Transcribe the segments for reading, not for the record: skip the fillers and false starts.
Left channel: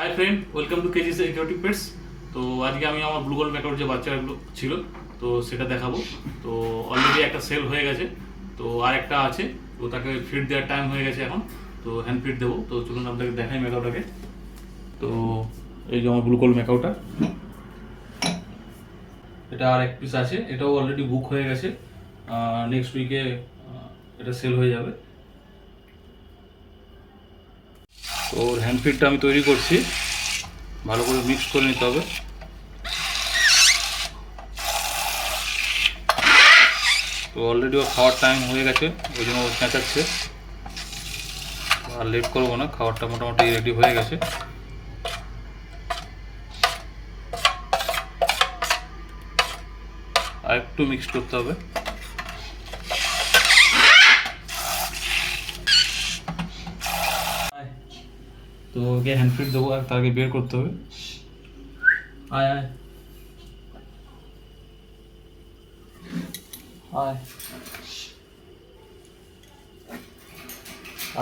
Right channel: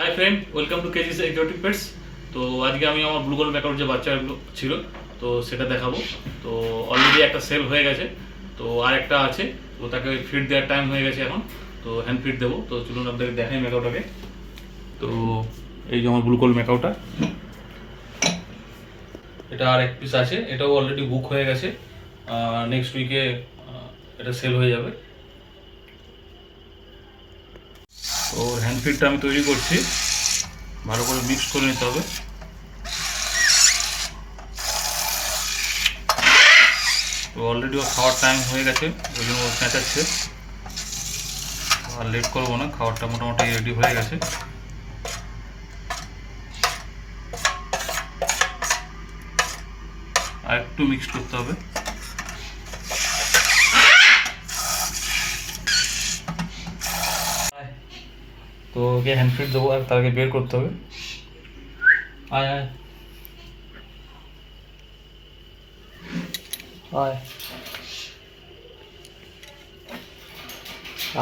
Hi friend, welcome to KGs exotic pets. তো আজকে আমি আমার ব্লু গোল্ড ম্যাকাউর যে বাচ্চাগুলো ছিল তো সেটা দেখাবো। তো অলরেডি একটা সেল হয়ে গেছে, তো আর একটা আছে, তো তাকে ফিড দেওয়ার টাইম হয়ে গেছে এখন। তো হ্যান্ড ফিড দেবো। তো চলুন আপনাদের দেখাই ম্যাকাউটাকে। তো এই যে আমার ব্লু গোল্ড ম্যাকাউটা, এটা আর এক পিস আছে, এটাও অলরেডি বুক হয়ে গেছে। নেক্সট উইকে এটা সেল হয়ে যাবে। তো হ্যান্ড ফিডটা আমি তৈরি করছি, ভালো করে মিক্স করে নিতে হবে। তো অলরেডি ওর খাওয়ার টাইম হয়ে গেছে, ওই জন্য ও চেঁচাচ্ছে। আর লেট করবো না, খাবারটা মোটামুটি রেডি হয়ে গেছে। আর একটু মিক্স করতে হবে। তো ওকে হ্যান্ড ফিড দেবো, আর তাকে বের করতে হবে। আয় আয় আয়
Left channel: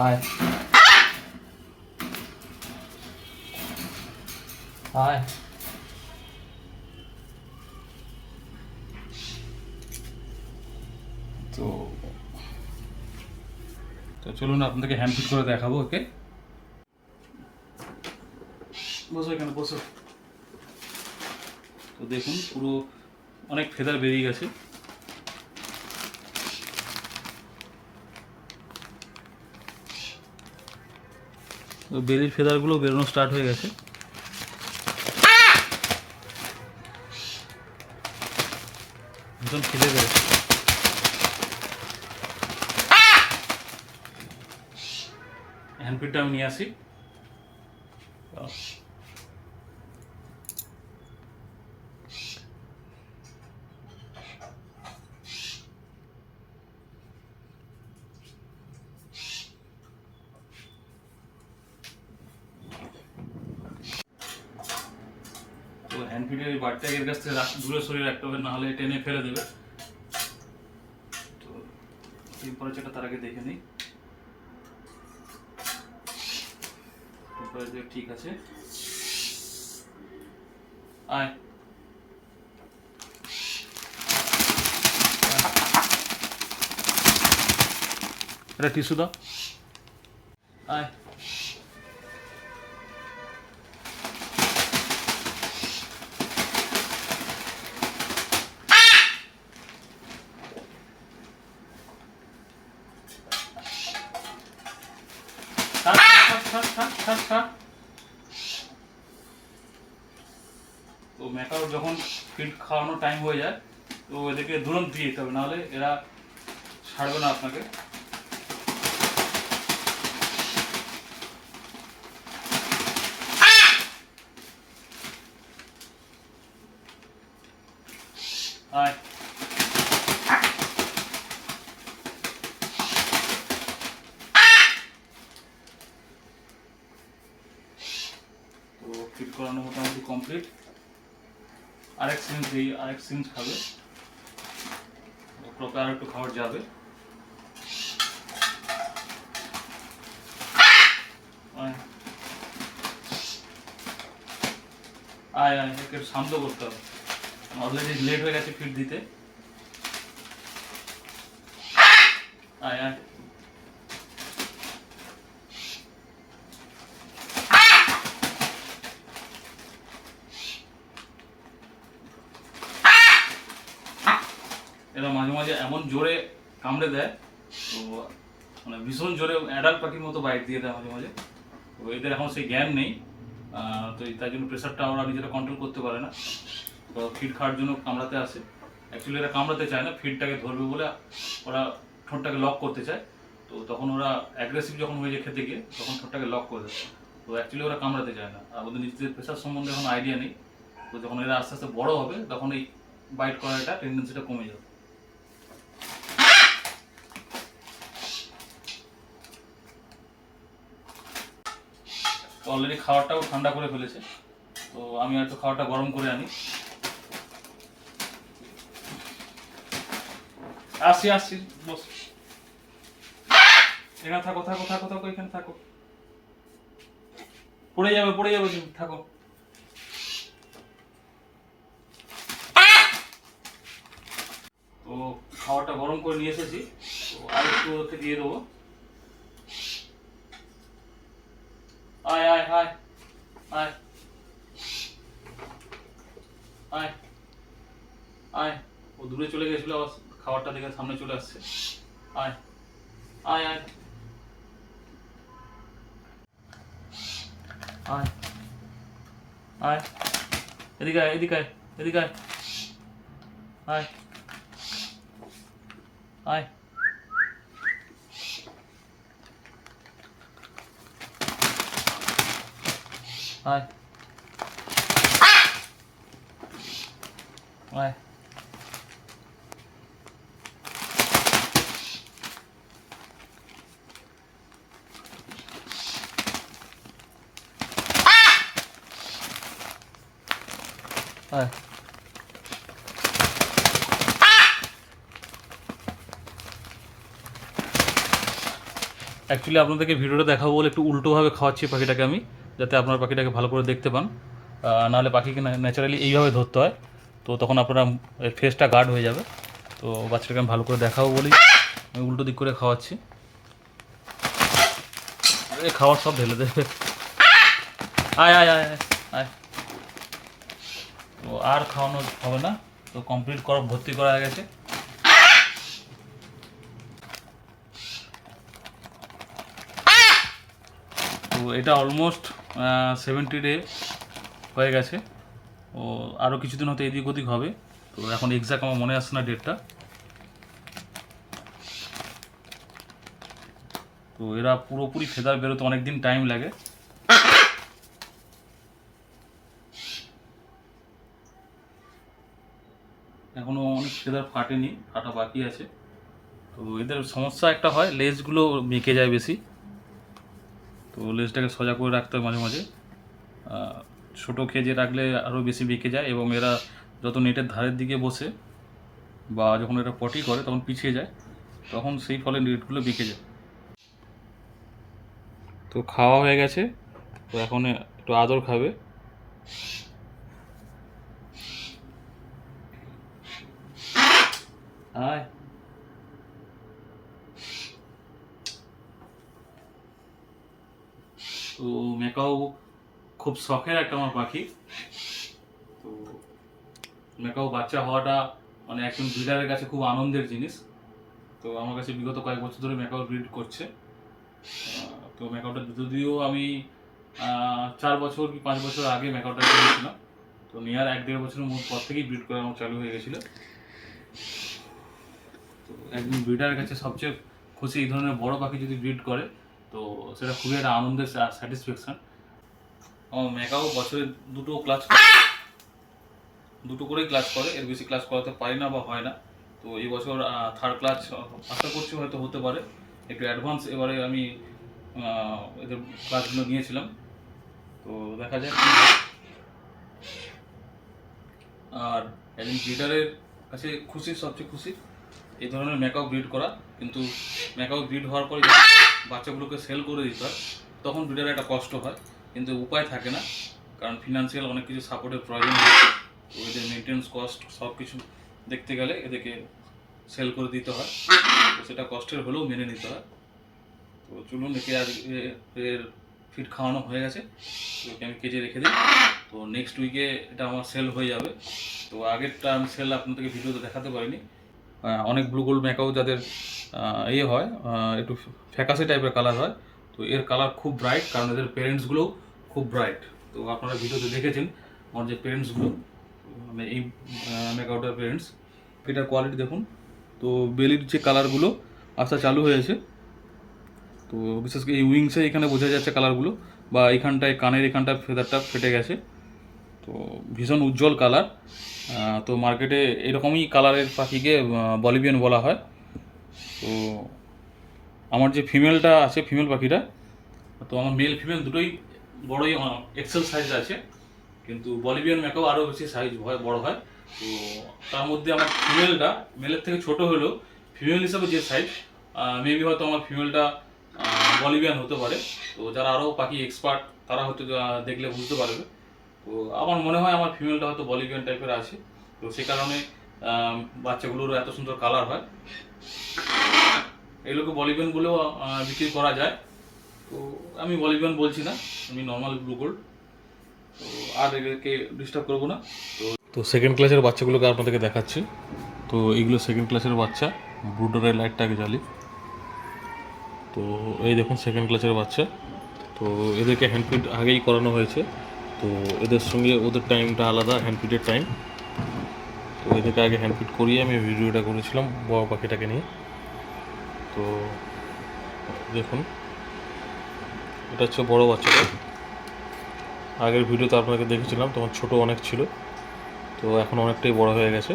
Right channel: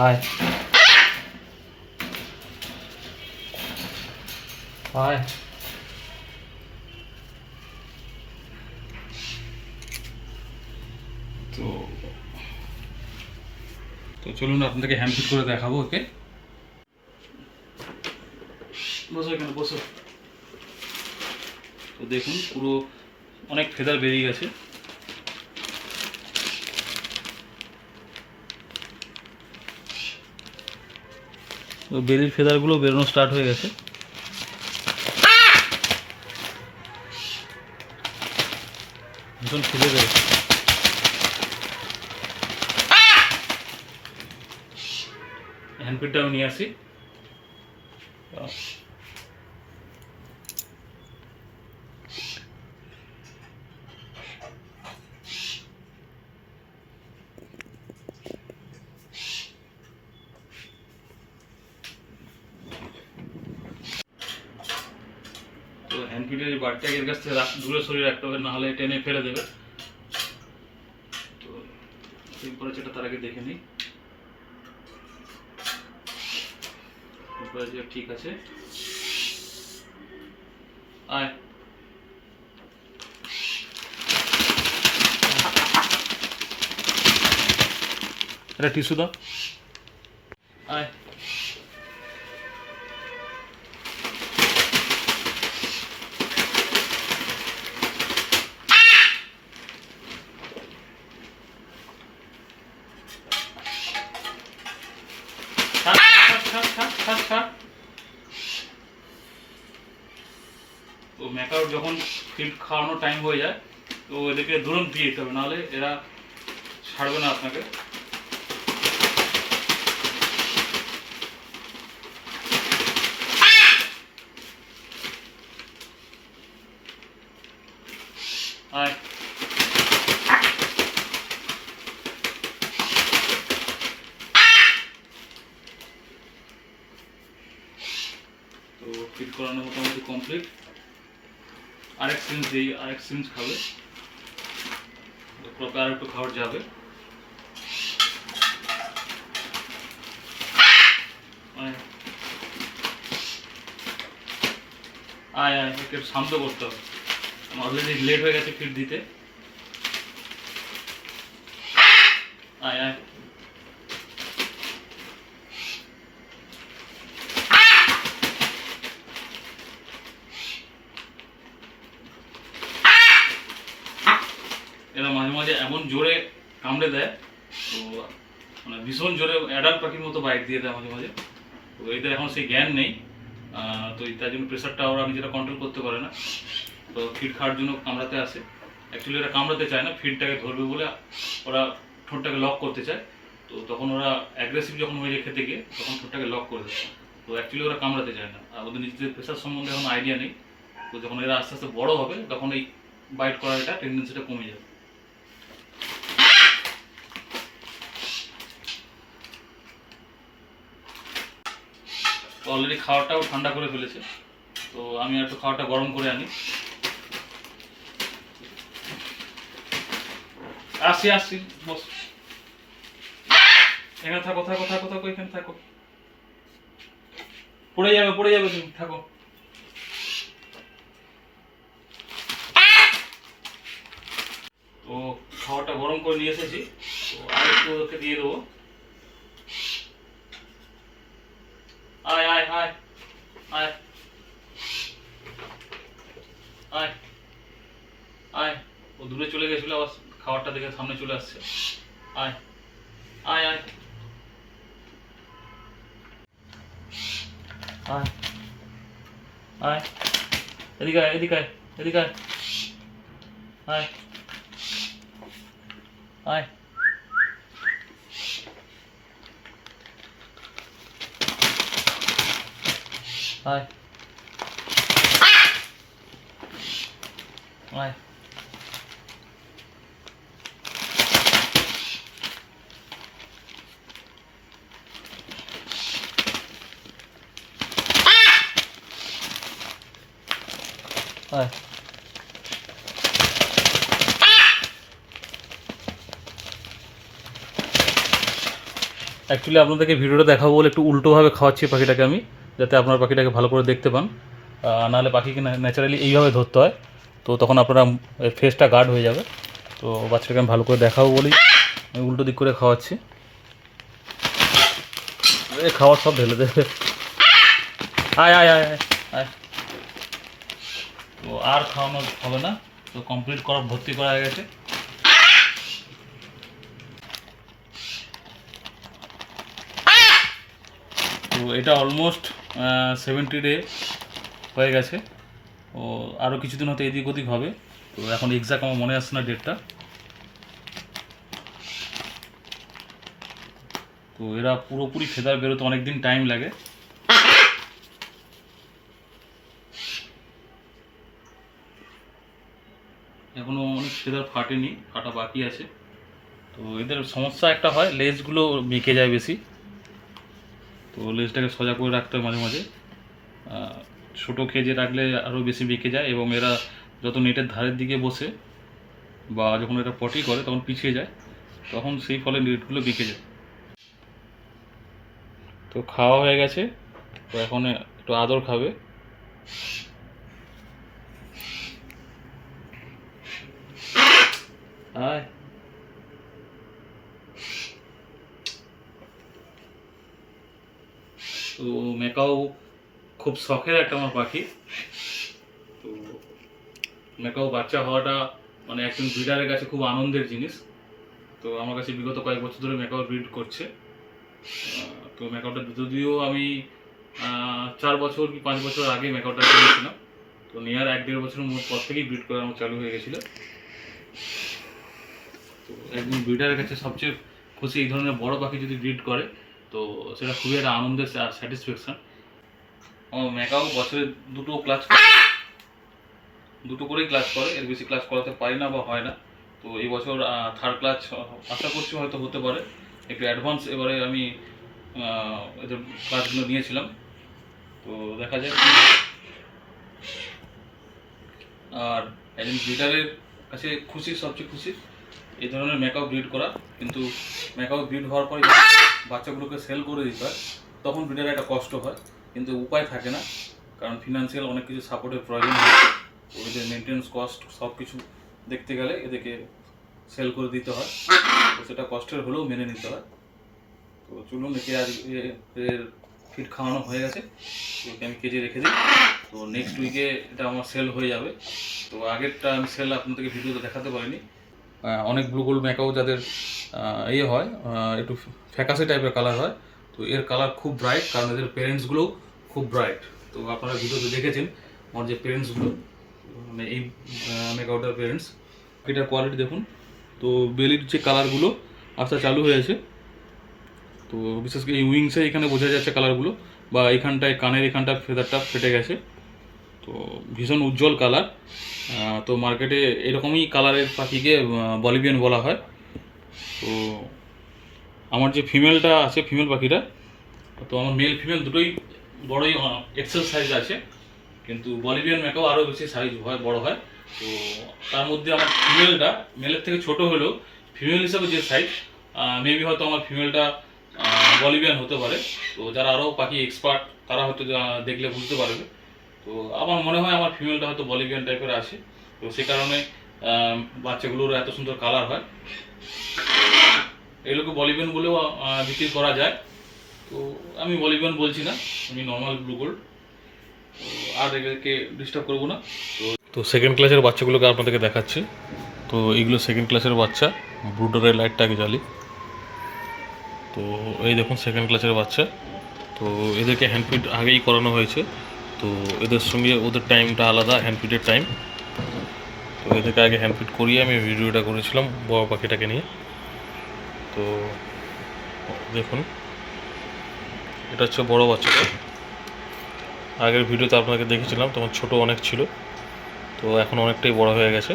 আয় আয়। তো তো চলুন আপনাদেরকে হ্যান্ড ফিড করে দেখাবো ওকে। বসো এখানে বসো। তো দেখুন পুরো অনেক ফেদার বেরিয়ে গেছে। তো বেলির ফেদারগুলো বেরোনো স্টার্ট হয়ে গেছে। ভীষণ খুঁজে গেছে। হ্যান্ড ফিডটা আমি নিয়ে আসি। তো হ্যান্ড ফিডের বাচ্চাকে এর কাছ থেকে দূরে সরিয়ে রাখতে হবে, নাহলে টেনে ফেলে দেবে। তো টেম্পারেচারটা তার আগে দেখে নিই। টেম্পারেচার ঠিক আছে। আয় একটা টিস্যু দাও। আয় তো ম্যাকাও যখন ফিড খাওয়ানোর টাইম হয়ে যায়, তো এদেরকে দূরন্ত দিয়ে দিতে হবে, নাহলে এরা ছাড়বে না আপনাকে। আয় তো ফিড করানো মোটামুটি কমপ্লিট। আরেক সিরিঞ্জ দিই, আরেক সিরিঞ্জ খাবে, ক্রপে আর একটু খাবার যাবে। আয় আয় একটু শান্ত করতে হবে, অলরেডি লেট হয়ে গেছে ফিড দিতে। আয় আয় এরা মাঝে মাঝে এমন জোরে কামড়ে দেয়, তো মানে ভীষণ জোরে অ্যাডাল্ট পাখির মতো বাইট দিয়ে দেয় মাঝে মাঝে। তো এদের এখন সেই জ্ঞান নেই, তো তার জন্য প্রেশারটা ওরা নিজেরা কন্ট্রোল করতে পারে না। তো ফিড খাওয়ার জন্য কামড়াতে আসে। অ্যাকচুয়ালি এরা কামড়াতে চায় না, ফিডটাকে ধরবে বলে ওরা ঠোঁটটাকে লক করতে চায়। তো তখন ওরা অ্যাগ্রেসিভ যখন হয়ে যায় খেতে গিয়ে, তখন ঠোঁটটাকে লক করে দেয়। তো অ্যাকচুয়ালি ওরা কামড়াতে চায় না, আর ওদের নিজেদের প্রেশার সম্বন্ধে এখন আইডিয়া নেই। তো যখন এরা আস্তে আস্তে বড় হবে, তখন এই বাইট করার একটা টেন্ডেন্সিটা কমে যাবে। অলরেডি খাবারটাও ঠান্ডা করে ফেলেছে, তো আমি একটু খাবারটা গরম করে আনি। আসি আসি, বস এখানে থাকো থাকো থাকো থাকো, এখানে থাকো। পড়ে যাবে, তুমি থাকো। তো খাবারটা গরম করে নিয়ে এসেছি, তো আর একটু ওকে দিয়ে দেবো। আয় আয় আয় আয় আয় আয়। ও দূরে চলে গেছিল, আবার খাবারটা দেখে সামনে চলে আসছে। আয় আয় আয় আয় আয়, এদিকে আয়, এদিকে আয়, এদিকে আয়, আয় আয় আয় আয়। আয়। অ্যাকচুয়ালি আপনাদেরকে ভিডিওটা দেখাবো বলে একটু উল্টোভাবে খাওয়াচ্ছি পাখিটাকে আমি, যাতে আপনার পাখিটাকে ভালো করে দেখতে পান। নাহলে পাখিকে ন্যাচারালি এইভাবে ধরতে হয়, তো তখন আপনারা ফেসটা গার্ড হয়ে যাবে। তো বাচ্চাকে আমি ভালো করে দেখাবো বলি আমি উল্টো দিক করে খাওয়াচ্ছি। খাওয়ার সব ঢেলে দেবে। আয় আয় আয় আয় আয়। তো আর খাওয়ানো হবে না, তো কমপ্লিট করা, ভর্তি করা হয়ে গেছে। তো এটা অলমোস্ট 70 ডে হয়ে গেছে। ও আরও কিছুদিন হয়তো এদিক ওদিক হবে, তো এখন এক্সাক্ট আমার মনে আসছে না ডেটটা। তো এরা পুরোপুরি ফেদার বেরোতে অনেক দিন টাইম লাগে। এখনও অনেক ফেদার ফাটেনি, ফাটা বাকি আছে। তো এদের সমস্যা একটা হয়, লেজগুলো বেঁকে যায় বেশি, তো লেজটাকে সোজা করে রাখতে হয় মাঝে মাঝে। ছোটো কেজে রাখলে আরও বেশি বেঁকে যায়, এবং এরা যত নেটের ধারের দিকে বসে বা যখন এরা পটি করে তখন পিছিয়ে যায়, তখন সেই ফলে নেটগুলো বেঁকে যায়। তো খাওয়া হয়ে গেছে, তো এখন একটু আদর খাবে। আয়। তো ম্যাকাও খুব শখের একটা আমার পাখি। তো ম্যাকাও বাচ্চা হওয়াটা মানে একজন ব্রিডারের কাছে খুব আনন্দের জিনিস। তো আমার কাছে বিগত কয়েক বছর ধরে ম্যাকাও ব্রিড করছে। তো ম্যাকাওটা যদিও আমি 4 বছর কি 5 বছর আগে ম্যাকাওটা কিনেছিলাম, তো নেওয়ার 1-1.5 বছরের পর থেকেই ব্রিড করা আমার চালু হয়ে গেছিলো। তো একজন ব্রিডারের কাছে সবচেয়ে খুশি এই ধরনের বড় পাখি যদি ব্রিড করে, তো সেটা খুবই একটা আনন্দের স্যাটিসফ্যাকশান। আমার ম্যাকাও বছরে দুটো করেই ক্লাস করে, এর বেশি ক্লাস করাতে পারি না বা হয় না। তো এই বছর 3rd ক্লাস আশা করছি হয়তো হতে পারে। একটু অ্যাডভান্স এবারে আমি এদের ক্লাসগুলো নিয়েছিলাম, তো দেখা যায়। আর একজন ব্রিডারের কাছে সবচেয়ে খুশি এই ধরনের ম্যাকাও ব্রিড করা। কিন্তু ম্যাকাও ব্রিড হওয়ার পরে যখন বাচ্চাগুলোকে সেল করে দিতে হয়, তখন ব্রিডারের একটা কষ্ট হয়, কিন্তু উপায় থাকে না, কারণ ফিনান্সিয়াল অনেক কিছু সাপোর্টের প্রয়োজন হয়। তো এদের মেনটেন্স কস্ট সব কিছু দেখতে গেলে এদেরকে সেল করে দিতে হয়, তো সেটা কষ্টের হলেও মেনে নিতে হয়। তো চলুন, একে আজ এর ফিড খাওয়ানো হয়ে গেছে, ওকে আমি কেজে রেখে দিই। তো নেক্সট উইকে এটা আমার সেল হয়ে যাবে। তো আগেরটা আমি সেল আপনাদেরকে ভিডিওতে দেখাতে পারিনি। অনেক ব্লু গোল্ড ম্যাকাও যাদের হয় একটু ফ্যাকাসে টাইপের কালার হয়, তো এর কালার খুব ব্রাইট, কারণ এদের প্যারেন্টসগুলোও খুব ব্রাইট। তো আপনারা ভিডিওতে দেখেছেন আমার যে প্যারেন্টসগুলো, মানে এই ম্যাকাওটার প্যারেন্টস, এটার কোয়ালিটি দেখুন। তো বেলির যে কালারগুলো আসা চালু হয়েছে, তো বিশেষ করে এই উইংসে এখানে বোঝা যাচ্ছে কালারগুলো, বা এখানটায় কানের এখানটার ফেদারটা ফেটে গেছে। তো ভীষণ উজ্জ্বল কালার। তো মার্কেটে এরকমই কালারের পাখিকে বলিভিয়ান বলা হয়। তো আমার যে ফিমেলটা আছে, ফিমেল পাখিটা, তো আমার মেল ফিমেল দুটোই বড়ই এক্সেল সাইজ আছে, কিন্তু বলিভিয়ান ম্যাকাও আরও বেশি সাইজ হয়, বড় হয়। তো তার মধ্যে আমার ফিমেলটা মেলের থেকে ছোট হলেও ফিমেল হিসাবে যে সাইজ, মেবি হয়তো আমার ফিমেলটা বলিভিয়ান হতে পারে। তো যারা আরও পাখি এক্সপার্ট তারা হয়তো দেখলে বুঝতে পারবে। তো আমার মনে হয় আমার ফিমেলটা হয়তো বলিভিয়ান টাইপের আছে, তো সে কারণে বাচ্চাগুলোর এত সুন্দর কালার হয়। এগুলোকে বলিভিয়ান বলেও বিক্রি করা যায়। তো আমি বলিভিয়ান বলছি না, আমি নর্মাল ব্লু গোল্ড। তো আর এদেরকে ডিস্টার্ব করবো না। তো সেকেন্ড ক্লাসের বাচ্চাগুলোকে আপনাদেরকে দেখাচ্ছি। তো এইগুলো সেকেন্ড ক্লাসের বাচ্চা, ব্রুডারের লাইটটাকে জ্বালি। তো এই দেখুন সেকেন্ড ক্লাসের বাচ্চা। তো এদেরকে হ্যান্ডফিড আগেই করানো হয়েছে। তো এদের সঙ্গে ওদের টাইমটা আলাদা, হ্যান্ডফিডের টাইম। তো এদেরকে আগে হ্যান্ডফিড করিয়ে আমি ভিডিওটা করেছিলাম বড় পাখিটাকে নিয়ে। তো দেখুন এটা হচ্ছে বড় বাচ্চাটা। আগের ভিডিওতে আপনাকে দেখেছিলাম তখন ছোট অনেক ছিল, তো এখন অনেকটাই বড় হয়ে গেছে।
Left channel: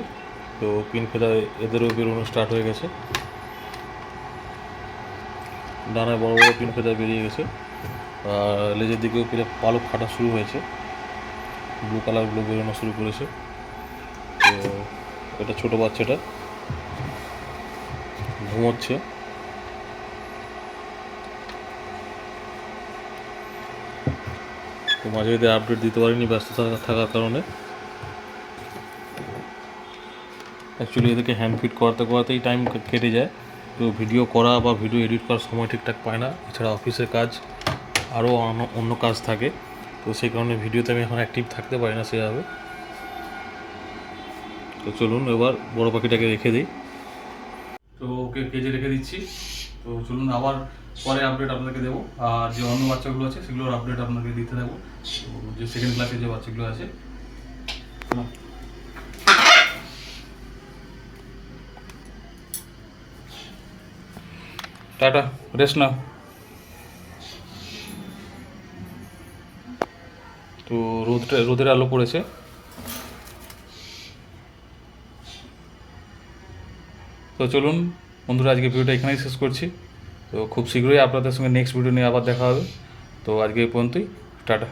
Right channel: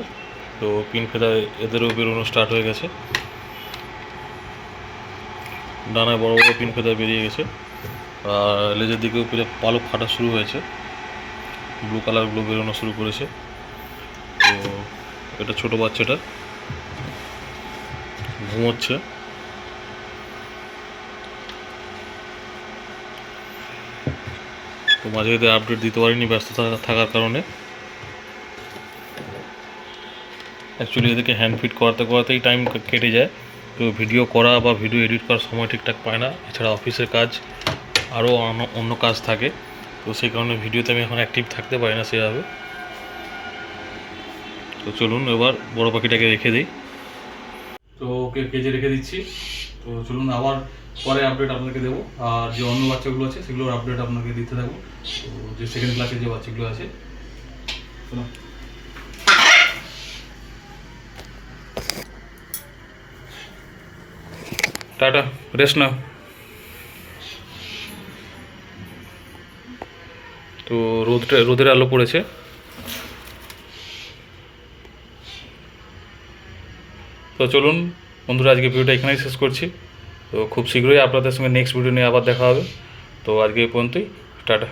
তো পিন ফেদা এদেরও বেরোনো স্টার্ট হয়ে গেছে, ডানায় বড় বড় পিন ফেদা বেরিয়ে গেছে। আর লেজের দিকেও পালক ফাটা শুরু হয়েছে, ব্লু কালারগুলো বেরোনো শুরু করেছে। তো এটা ছোট বাচ্চাটা ঘুমোচ্ছে। তো মাঝে এদের আপডেট দিতে পারিনি ব্যস্ত থাকার কারণে। অ্যাকচুয়ালি এদেরকে হ্যান্ড ফিট করাতে করাতেই টাইম কেটে যায়। তো ভিডিও করা বা ভিডিও এডিট করার সময় ঠিকঠাক পায় না, এছাড়া অফিসের কাজ আরও অন্য কাজ থাকে। তো সেই কারণে ভিডিওতে আমি এখন অ্যাক্টিভ থাকতে পারি না সেভাবে। তো চলুন এবার বড় পাখিটাকে রেখে দিই। তো ওকে কেজে রেখে দিচ্ছি। তো চলুন আবার পরে আপডেট আপনাদেরকে দেবো। আর যে অন্য বাচ্চাগুলো আছে সেগুলোর আপডেট আপনাকে দিতে থাকবো। তো যে সেকেন্ড ক্লাসের যে বাচ্চাগুলো আছে, টাটা, রেস্ট নাও। তো রোদের আলো পড়েছে। তো চলুন বন্ধুরা, আজকে ভিডিওটা এখানেই শেষ করছি। তো খুব শীঘ্রই আপনাদের সঙ্গে নেক্সট ভিডিও নিয়ে আবার দেখা হবে। তো আজকে এই পর্যন্তই, টাটা।